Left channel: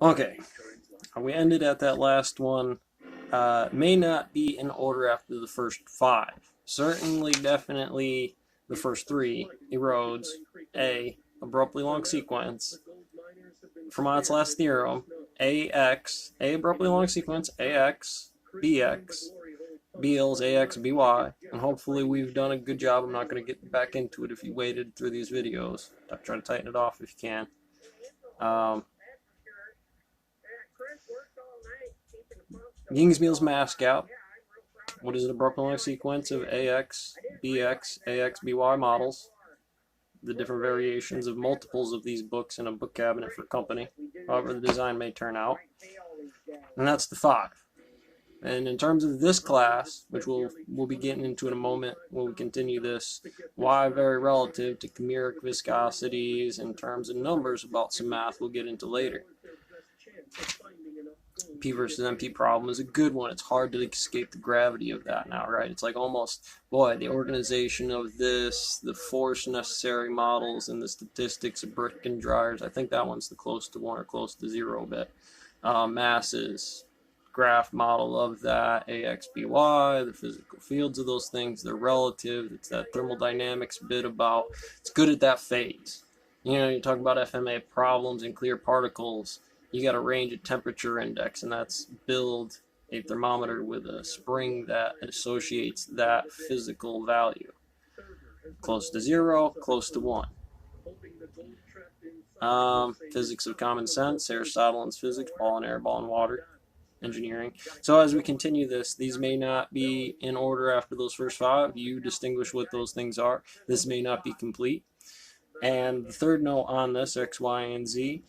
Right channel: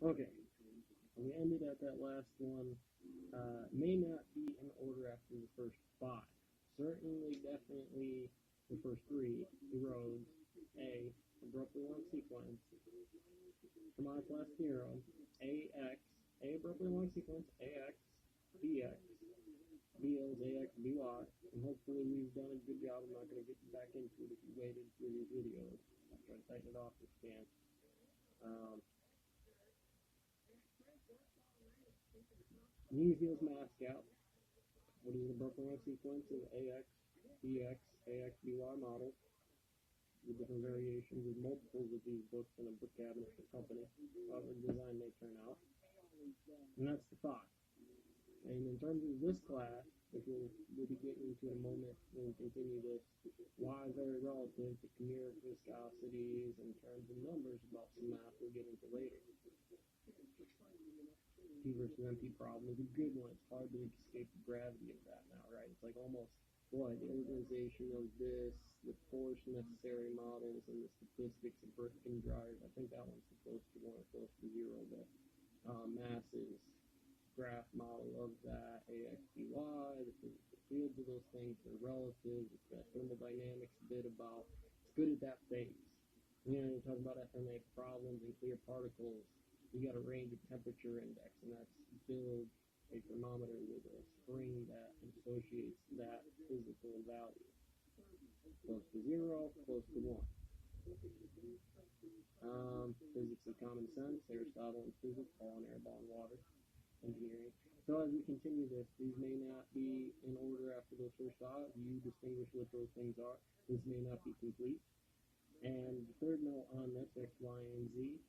Okay, we ended at that last one. May not be in order after the first five. Certainly, definitely the first three erodes a abruptly long sequence. Fermat's last theorem, a abruptly long sequence, ax, bx, Beals, AX, BY, and hopefully we've done a good job. I'm not going to get back into it if you waited through these videos. Try to tighten it off if you can. Um, Ying's mass gap. What is it? A Brooklyn sequence of AX, BX, AX, BY models. The different variations of multiples of these books in a book cabinet for company, however the design may turn out. And that's the five. And in terms of this class, which we'll be getting into in a moment when we continue this, Y very relative to chimeric viscosities in terms of numbers about some math we'll get into later. P versus NP problem is a good one. It's hard to escape the gravity of that now, right? It's like almost, boy, the organization of this, the force necessary models, and the statistics of Britkin dryers. I think that one's the close to one or close to zero bit. Masses, graph model of that, AXBY, the physical fields of those things, they're relative. It's that thermodynamics bit about, it's good at that phase. You know, you talk about FMA problems and clear particles, you got a range of temperature index, and that's build a thermometer with a spring that associates that physical value. Close to zero, close to one. Physics of common sense, Aristotle's physics, ball and air, ball and water, engineering. So as we continue this, these may not be in order after those first five. You distinguish what those things are. This may not be complete. And the third note on this, X, Y, and Z,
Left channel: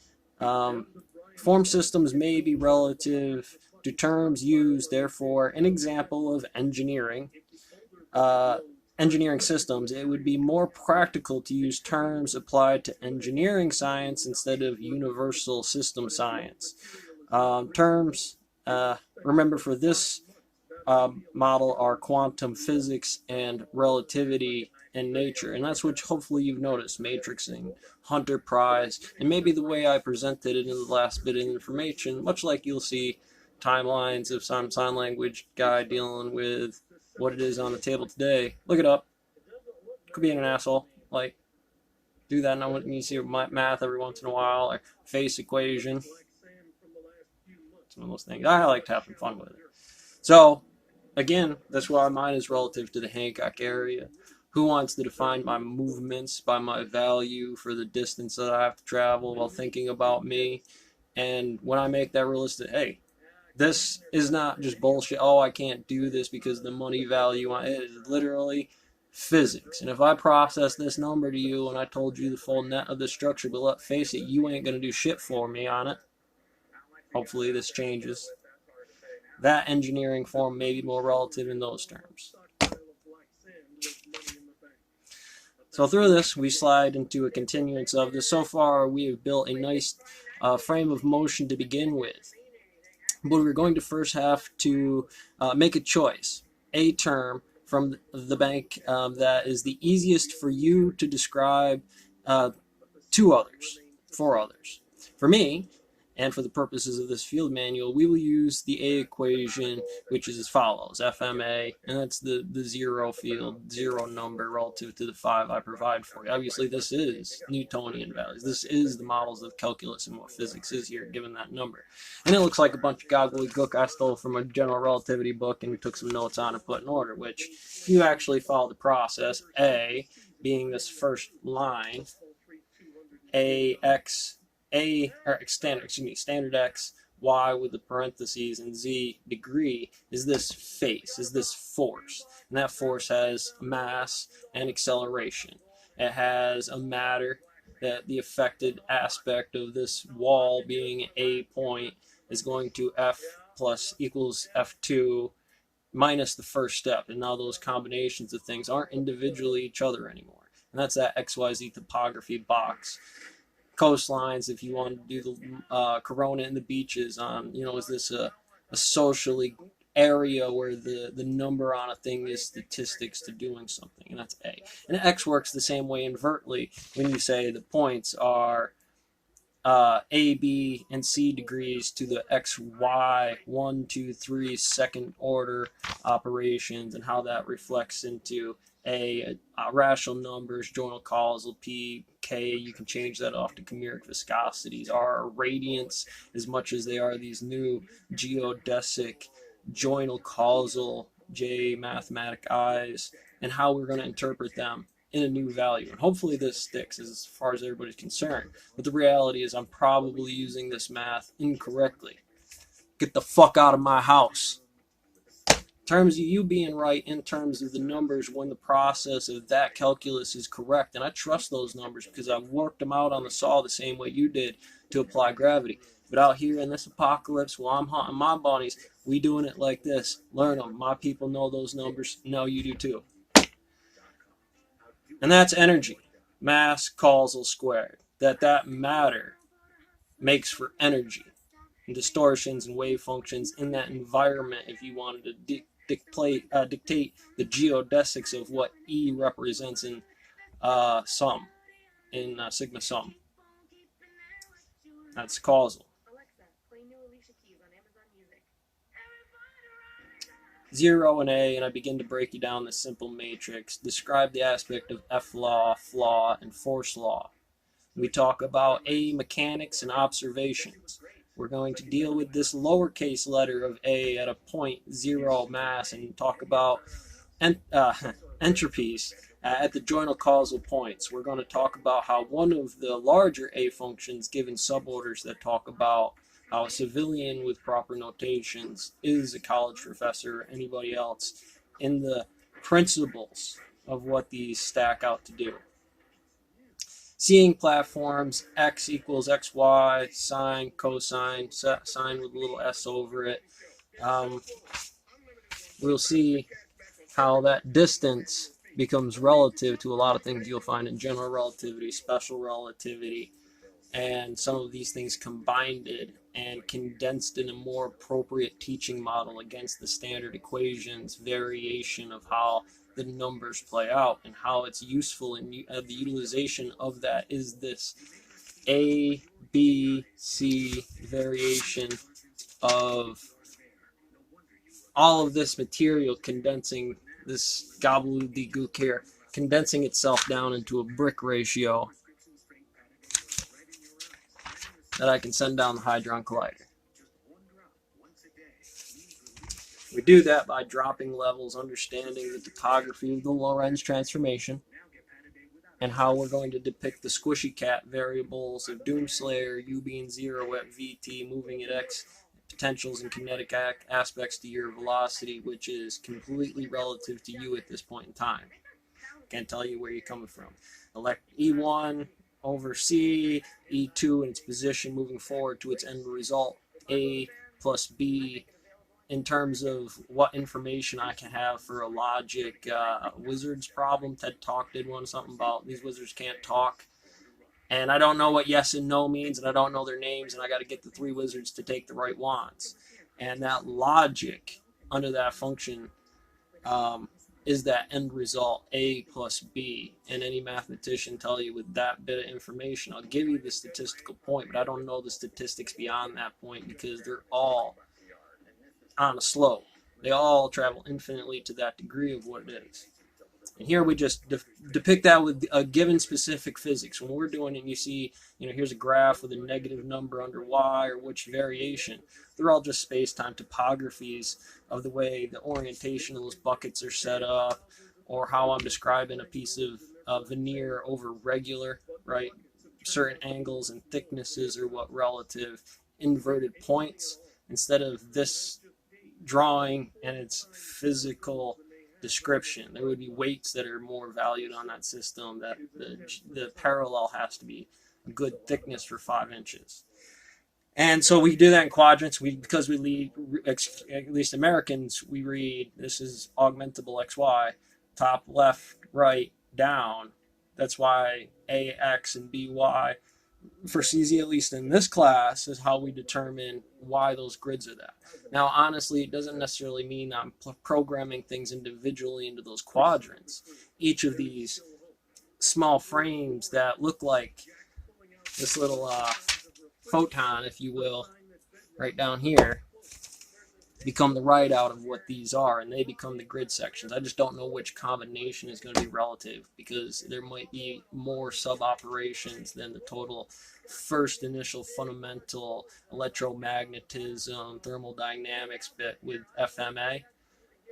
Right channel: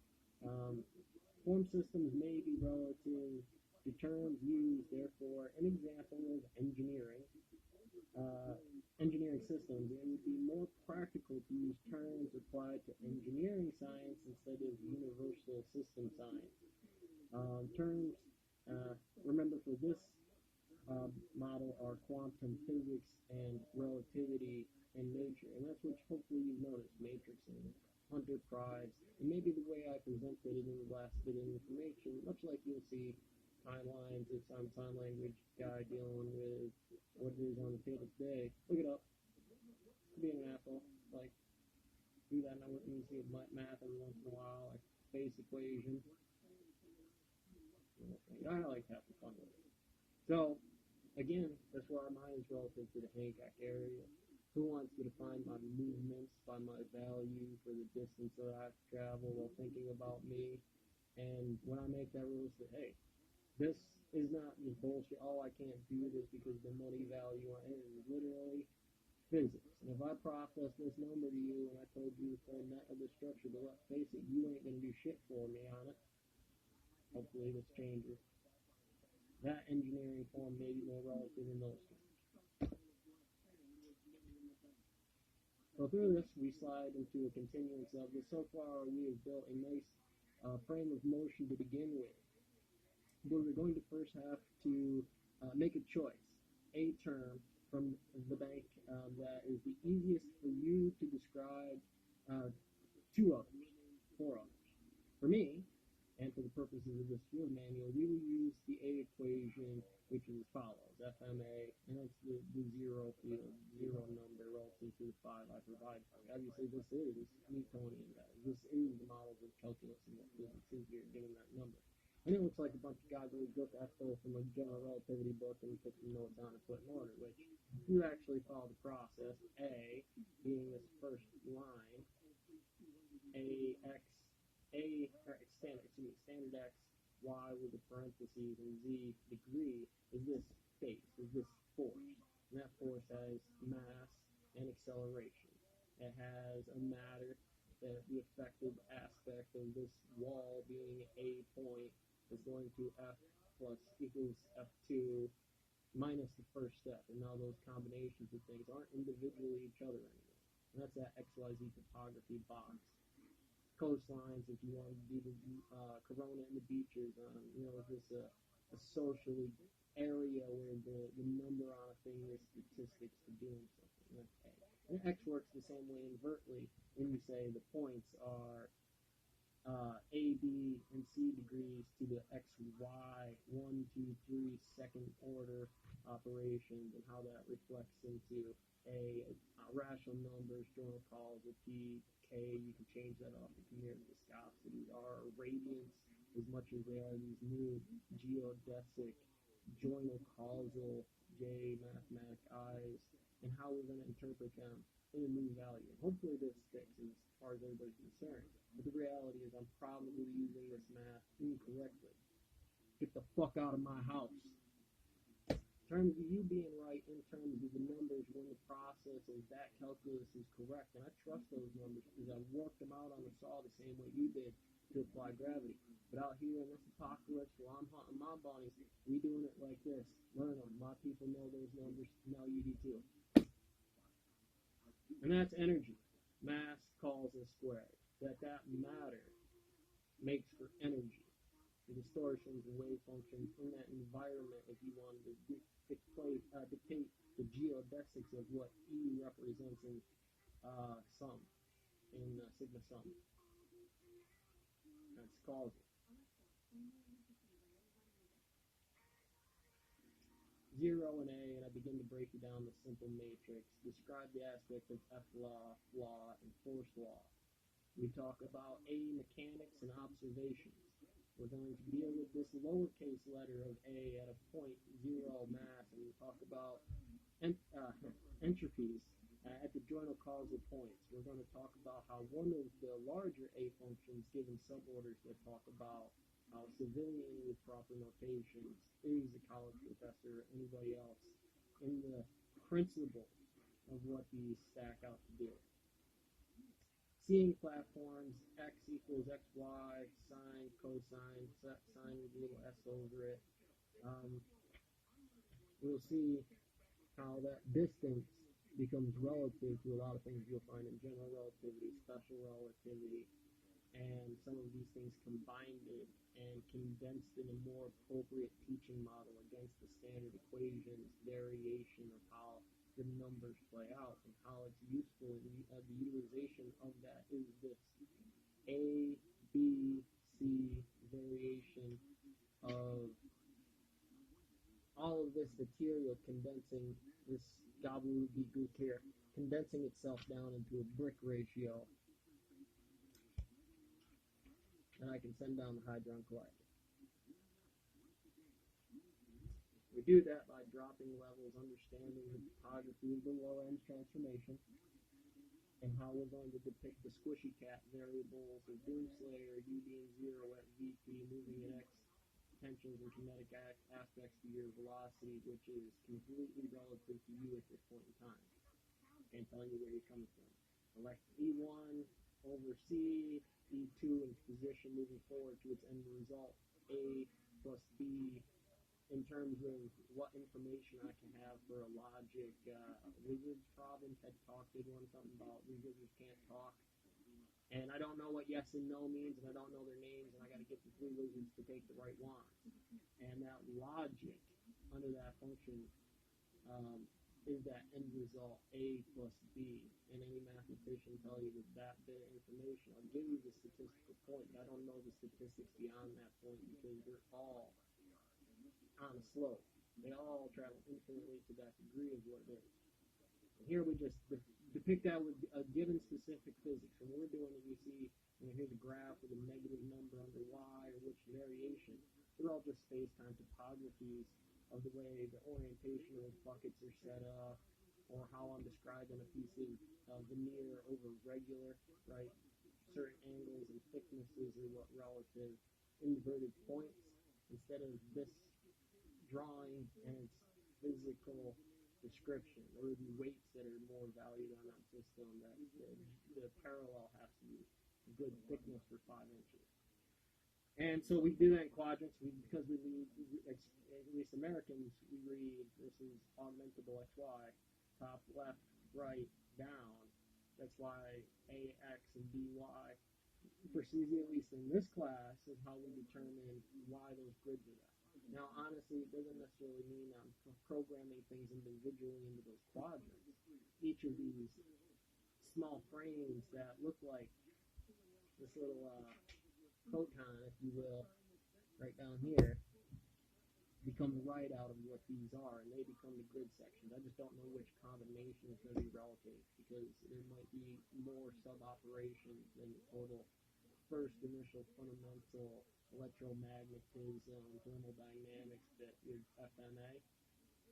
form systems may be relative to terms used, therefore, an example of uh, engineering systems, it would be more practical to use terms applied to engineering science instead of universal system science. Terms, remember for this model, are quantum physics and relativity in nature. And that's what hopefully you've noticed, matrixing, Hunter Prize, and maybe the way I presented it in the last bit of information, much like you'll see timelines of some sign language guy dealing with what it is on the table today. Look it up. Could be an asshole. Like, do that now when you see math every once in a while, like face equation. It's one of those things. I like having fun with it. So, again, that's why mine is relative to the Hancock area. Who wants to define my movements by my value for the distance that I have to travel while thinking about me? And when I make that realistic, hey, this is not just bullshit. Oh, I can't do this because the money value on it is literally physics. And if I process this number to you and I told you the full net of the structure, but let's face it, you ain't gonna do shit for me on it. Hopefully this changes. That engineering form may be more relative in those terms. So through this, we slide into a continuance of this. So far, we have built a nice frame of motion to begin with. But we're going to first have to make a choice, a term from the bank that is the easiest for you to describe to others, for others. For me, and for the purposes of this field manual, we will use the A equation, which is as follows, FMA, and that's the zero field, zero number relative to the 5 I provide for you. Obviously, this is Newtonian values. This is the models of calculus and what physics is here, given that number. And it looks like a bunch of gobbledygook I stole from a general relativity book and we took some notes on and put in order, which, if you actually follow the process, A being this first line, standard x, y with the parentheses, and z degree is this face, is this force. And that force has mass and acceleration. It has a matter that the affected aspect of this wall being a point is going to f plus equals f2 minus the first step. And now those combinations of things aren't individually each other anymore. And that's that XYZ topography box. Coastlines, if you want to do the Corona and the beaches on, is this a socially area where the number on a thing is statistics to doing something, and that's A. And X works the same way invertly when you say the points are A, B, and C degrees to the X, Y, 1, 2, 3 second order operations, and how that reflects into rational numbers, joinal causal, P, K. You can change that off to chimeric viscosities, R, radiants, as much as they are these new geodesic, joinal causal, J, mathematic I's, and how we're going to interpret them in a new value. And hopefully this sticks as far as everybody's concerned. But the reality is I'm probably using this math incorrectly. Get the fuck out of my house. In terms of you being right, in terms of the numbers, when the process of that calculus is correct, and I trust those numbers because I've worked them out on the saw the same way you did to apply gravity. But out here in this apocalypse, while I'm hunting my bunnies, we doing it like this. Learn them. My people know those numbers. No, you do too. And that's energy, mass causal squared. That matter makes for energy and distortions and wave functions in that environment. If you wanted to dictate the geodesics of what E represents in sum, in sigma sum, that's causal. 0 and A, and I begin to break you down this simple matrix. Describe the aspect of F law, flaw, and force law. We talk about A, mechanics and observations. We're going to deal with this lowercase letter of A at a 0.0 mass and talk about entropies at the joinal causal points. We're going to talk about how one of the larger A functions given suborders that talk about how a civilian with proper notations is a college professor or anybody else in the principles of what these stack out to do. Seeing platforms, x equals xy, sine, cosine, sine with a little s over it. We'll see how that distance becomes relative to a lot of things you'll find in general relativity, special relativity, and some of these things combined and condensed in a more appropriate teaching model against the standard equations variation of how the numbers play out and how it's useful in the utilization of that is this A, B, C variation of all of this material condensing this gobbledygook here, condensing itself down into a brick ratio that I can send down the Hadron Collider. We do that by dropping levels, understanding the topography of the Lorentz transformation, and how we're going to depict the squishy cat variables of Doomslayer, U being 0 at VT, moving at X, potentials and kinetic aspects to your velocity, which is completely relative to you at this point in time. Can't tell you where you're coming from. Elect E1 over C, E2 in its position moving forward to its end result, A plus B, in terms of what information I can have for a logic wizards problem. TED Talk did one, something about these wizards can't talk. And I don't know what yes and no means, and I don't know their names, and I got to get the 3 wizards to take the right wands. And that logic under that function is that end result, A plus B. And any mathematician tell you with that bit of information, I'll give you the statistical point, but I don't know the statistics beyond that point because they're all on a slope. They all travel infinitely to that degree of what it is. And here we just depict that with a given specific physics. When we're doing it, you see, here's a graph with a negative number under y or which variation. They're all just space-time topographies of the way the orientation of those buckets are set up, or how I'm describing a piece of veneer over regular, right? Certain angles and thicknesses are what relative inverted points, instead of this drawing and its physical description. There would be weights that are more valued on that system, that the parallel has to be a good thickness for 5 inches. And so we do that in quadrants. Because we lead, at least Americans, we read, this is augmentable XY, top, left, right, down. That's why AX and BY, for CZ, at least in this class, is how we determine why those grids are that. Now, honestly, it doesn't necessarily mean I'm programming things individually into those quadrants. Each of these small frames that look like this little photon, if you will, right down here, become the write out of what these are, and they become the grid sections. I just don't know which combination is going to be relative, because there might be more sub operations than the total first initial fundamental electromagnetism thermodynamics bit with FMA.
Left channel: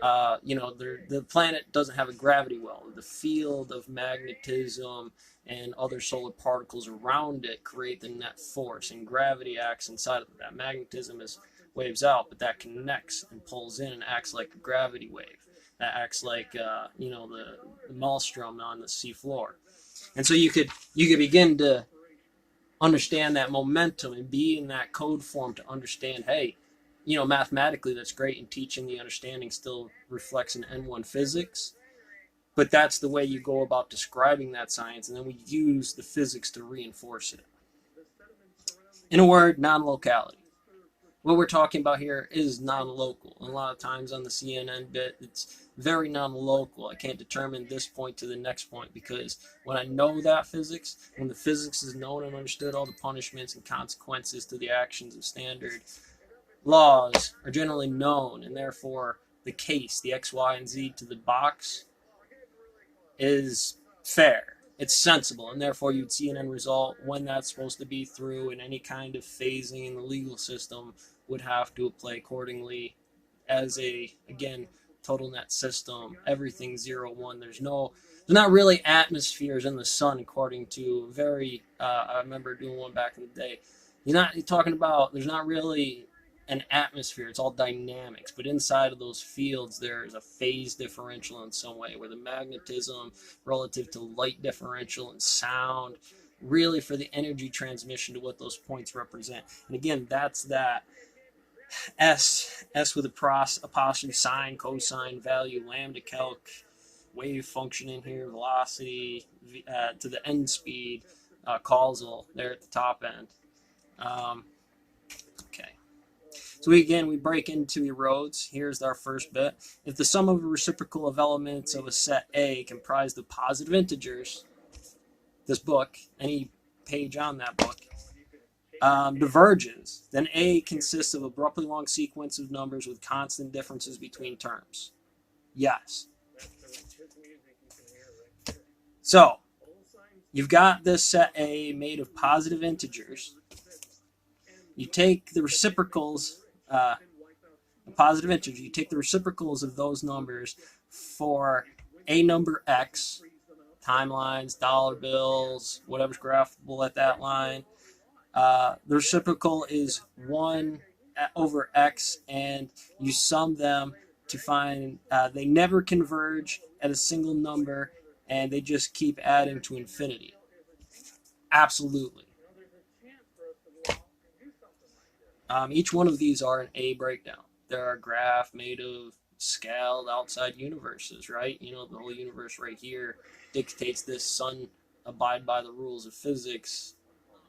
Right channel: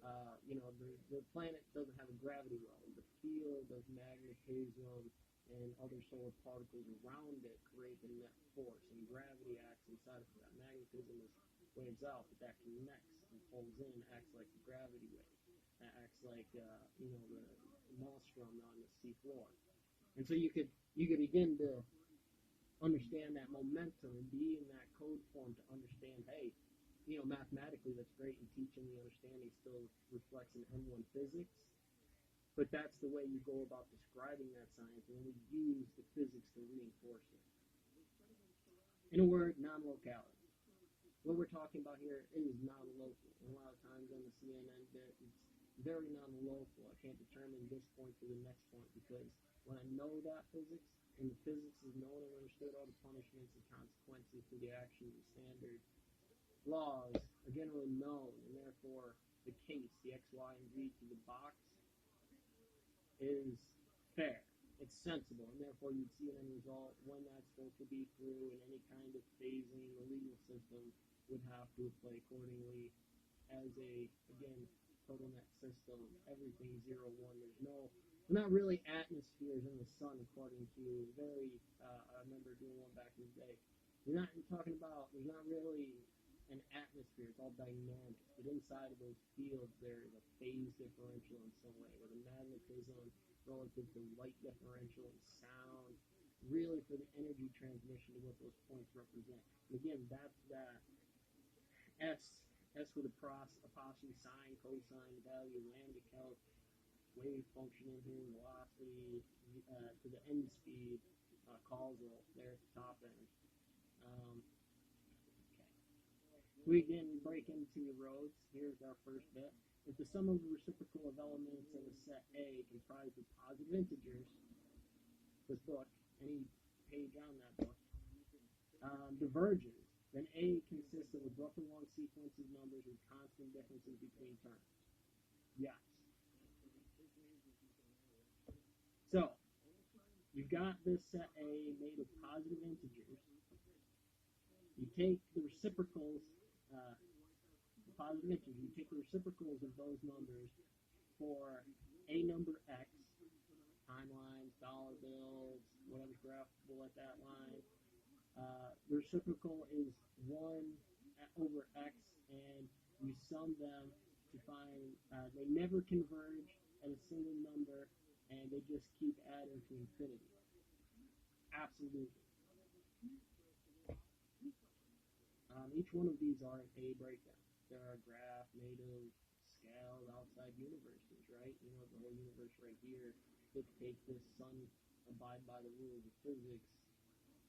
The planet doesn't have a gravity well. The field of magnetism and other solar particles around it create the net force, and gravity acts inside of that. Magnetism is waves out, but that connects and pulls in and acts like a gravity wave. That acts like the maelstrom on the sea floor. And so you could begin to understand that momentum and be in that code form to understand, hey, mathematically that's great, and teaching the understanding still reflects in N1 physics, but that's the way you go about describing that science, and then we use the physics to reinforce it. In a word, non-locality. What we're talking about here is non-local. And a lot of times on the CNN bit, it's very non-local. I can't determine this point to the next point, because when I know that physics, when the physics is known and understood, all the punishments and consequences to the actions of standard laws are generally known, and therefore the case, the X, Y, and Z to the box, is fair. It's sensible, and therefore you'd see an end result when that's supposed to be through, and any kind of phasing in the legal system would have to apply accordingly as a, again, total net system. Everything 0, 1. There's not really atmospheres in the sun, according to I remember doing one back in the day. You're talking about, there's not really an atmosphere, it's all dynamics, but inside of those fields there's a phase differential in some way, where the magnetism relative to light differential and sound, really for the energy transmission to what those points represent. And again, that's that S with apostrophe, sine, cosine, value, lambda, calc, wave function in here, velocity, to the end speed, causal there at the top end. Okay. So we break into the roads. Here's our first bit. If the sum of a reciprocal of elements of a set A comprised of positive integers, this book, any page on that book, diverges, then A consists of abruptly long sequence of numbers with constant differences between terms. Yes. So, you've got this set A made of positive integers. You take the reciprocals, positive integers, you take the reciprocals of those numbers for a number X, timelines, dollar bills, whatever's graphable at that line. The reciprocal is 1 over X, and you sum them to find they never converge at a single number, and they just keep adding to infinity. Absolutely. Each one of these are an A breakdown. They're a graph made of scaled outside universes, right? The whole universe right here dictates this sun abide by the rules of physics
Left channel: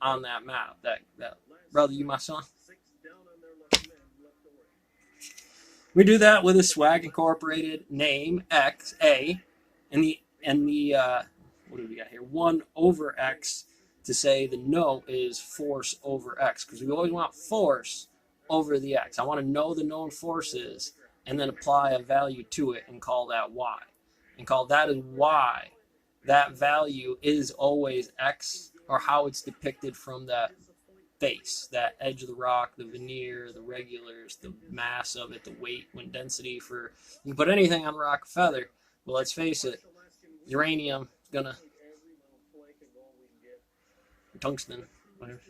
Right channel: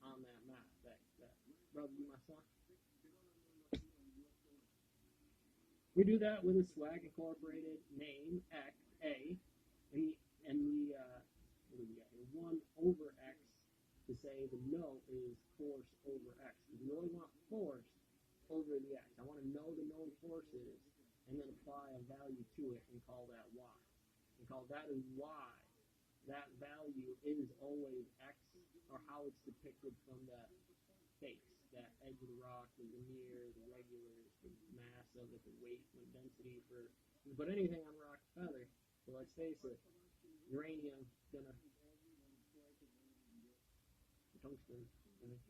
on that map. That brother, you my son? We do that with a Swag Incorporated name X A, and the what do we got here? 1 over X to say the no is force over X, because we always want force over the X. I want to know the known force is, and then apply a value to it and call that Y, and call that as Y. That value is always X, or how it's depicted from that base, that edge of the rock, the veneer, the regulars, the mass of it, the weight, when density for, you can put anything on rock or feather, but let's face it, uranium is gonna, tungsten, whatever.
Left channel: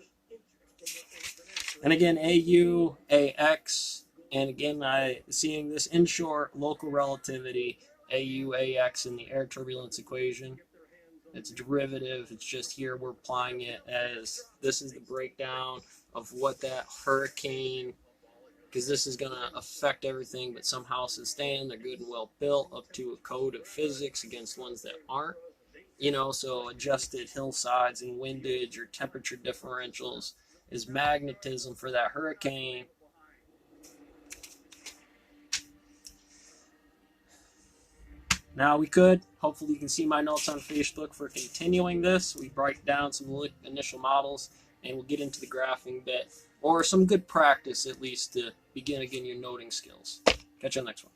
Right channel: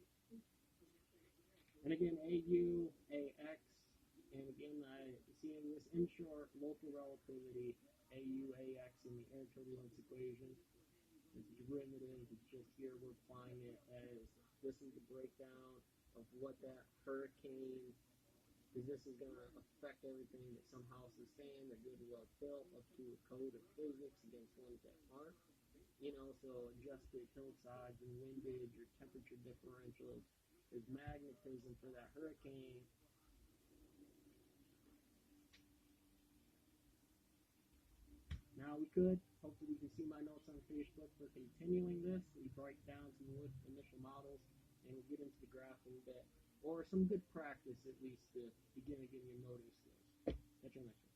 And again, AU, AX, and again, seeing this in short, local relativity, AU, AX in the air turbulence equation. It's a derivative. It's just here we're applying it as, this is the breakdown of what that hurricane, because this is going to affect everything, but some houses stand, they're good and well built up to a code of physics against ones that aren't. So adjusted hillsides and windage or temperature differentials is magnetism for that hurricane. Now hopefully you can see my notes on Facebook for continuing this. We break down some initial models and we'll get into the graphing bit, or some good practice at least to begin again your noting skills. Catch you on the next one.